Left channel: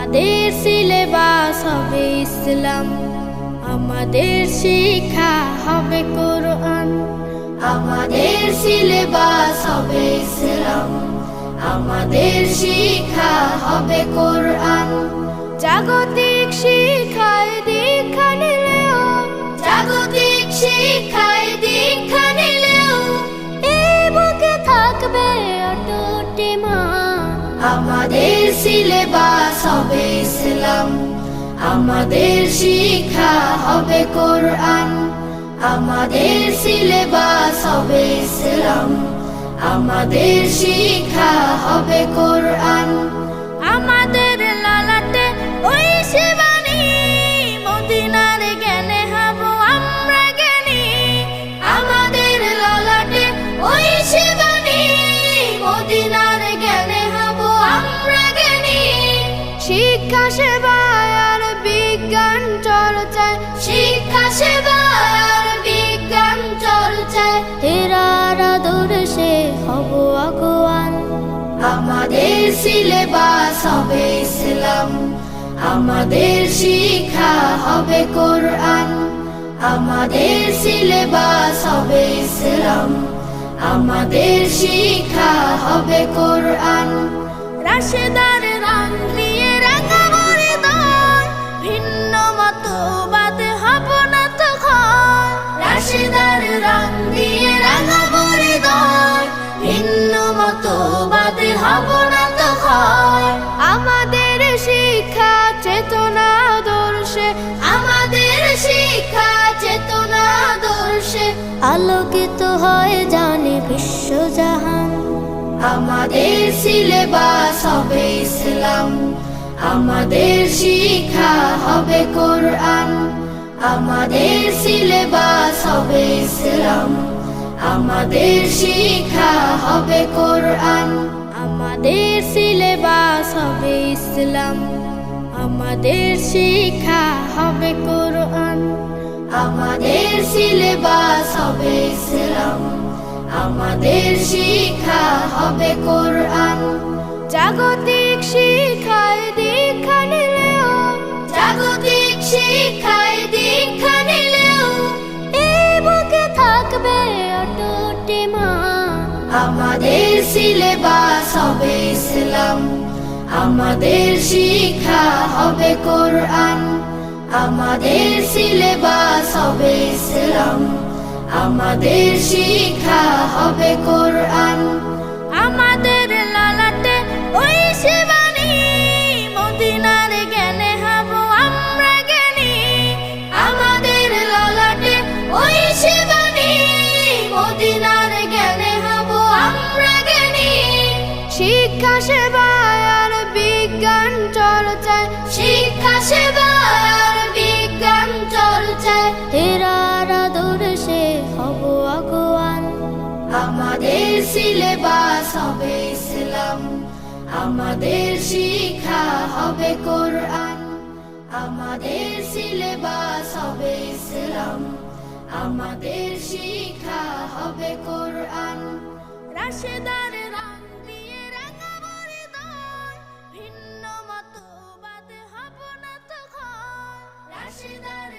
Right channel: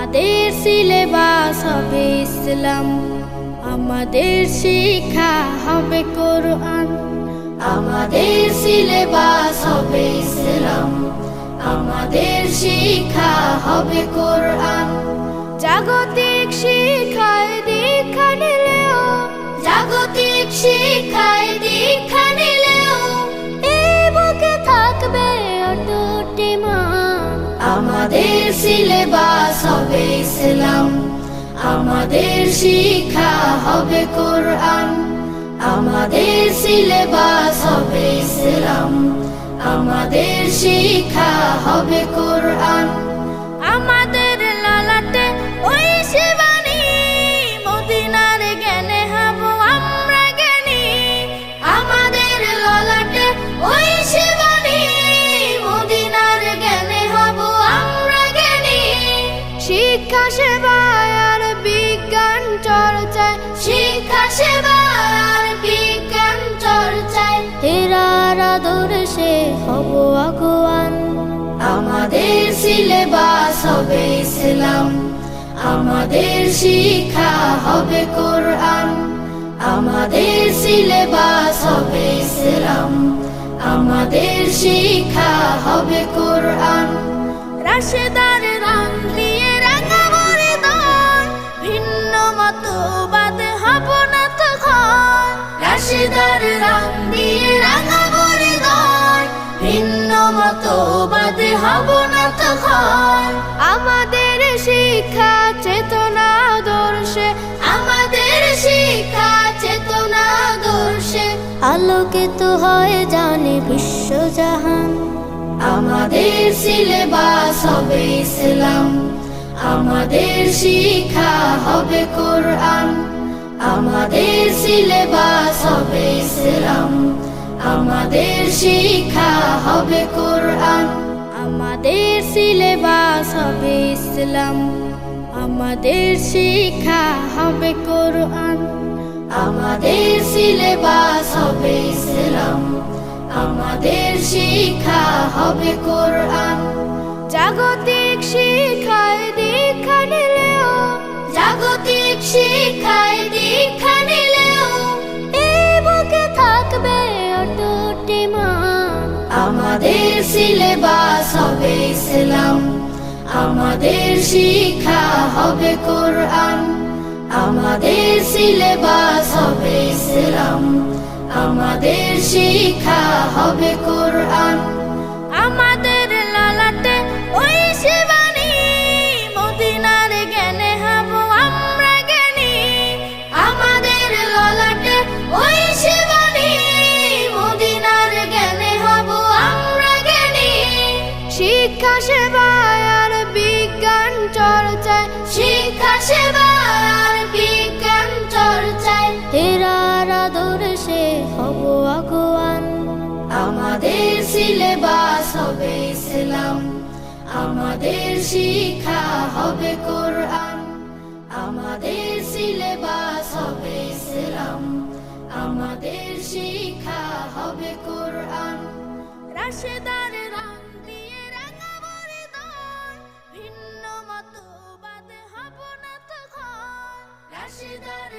আমাদের সিলেবাস হবে ইসলাম, আমাদের শিক্ষা হবে কোরআন। আমাদের সিলেবাস হবে ইসলাম, আমাদের শিক্ষা হবে কোরআন। জাগতিক শিক্ষায় দীক্ষা নিলেও, জাগতিক শিক্ষায় দীক্ষা নিলেও এই বুকে থাকবে অটুট ঈমান। আমাদের সিলেবাস হবে ইসলাম, আমাদের শিক্ষা হবে কোরআন। আমাদের সিলেবাস হবে ইসলাম, আমাদের শিক্ষা হবে কোরআন। আমাদের লালাটে ওই শিবানী, মদিনার জ্ঞানে হব আমরা জ্ঞানী। আমাদের লালাটে ওই শিবানী, মদিনার জ্ঞানে হব আমরা জ্ঞানী। শিক্ষা সেবায় আর বিজ্ঞান চর্চায়, শিক্ষা সেবায় আর বিজ্ঞান চর্চায় হেরার আদর্শে হব আগুয়ান। আমাদের সিলেবাস হবে ইসলাম, আমাদের শিক্ষা হবে কোরআন। আমাদের সিলেবাস হবে ইসলাম, আমাদের শিক্ষা হবে কোরআন। রাশেদার রং দিয়ে রাঙাবো হৃদয়, ভিন্ন মতবাদ হব না তখন। রাশেদার রং দিয়ে রাঙাবো হৃদয়, ভিন্ন মতবাদ হব না তখন। আমাদের শিক্ষা চেতনা আদর্শে, আমাদের শিক্ষা চেতনা আদর্শে আলোকিত হয় জানে বিশ্বজাহান। আমাদের সিলেবাস হবে ইসলাম, আমাদের শিক্ষা হবে কোরআন। আমাদের সিলেবাস হবে ইসলাম, আমাদের শিক্ষা হবে কোরআন। আমাদের সিলেবাস হবে ইসলাম, আমাদের শিক্ষা হবে কোরআন। আমাদের সিলেবাস হবে ইসলাম, আমাদের শিক্ষা হবে কোরআন। জাগতিক শিক্ষায় দীক্ষা নিলেও, জাগতিক শিক্ষায় দীক্ষা নিলেও এই বুকে থাকবে অটুট ঈমান। আমাদের সিলেবাস হবে ইসলাম, আমাদের শিক্ষা হবে কোরআন। আমাদের সিলেবাস হবে ইসলাম, আমাদের শিক্ষা হবে কোরআন। আমাদের লালাটে ওই শিবানী, মদিনার জ্ঞানে হব আমরা জ্ঞানী। আমাদের লালাটে ওই শিবানী, মদিনার জ্ঞানে হব আমরা জ্ঞানী। শিক্ষা সেবায় আর বিজ্ঞান চর্চায়, শিক্ষা সেবায় আর বিজ্ঞান চর্চায় হেরার আদর্শে হব আগুয়ান। আমাদের সিলেবাস হবে ইসলাম, আমাদের শিক্ষা হবে কোরআন। আমাদের সিলেবাস হবে ইসলাম, আমাদের শিক্ষা হবে কোরআন। রাশেদার রং দিয়ে রাঙাবো হৃদয়, ভিন্ন মতবাদ হব না তখন। রাশেদার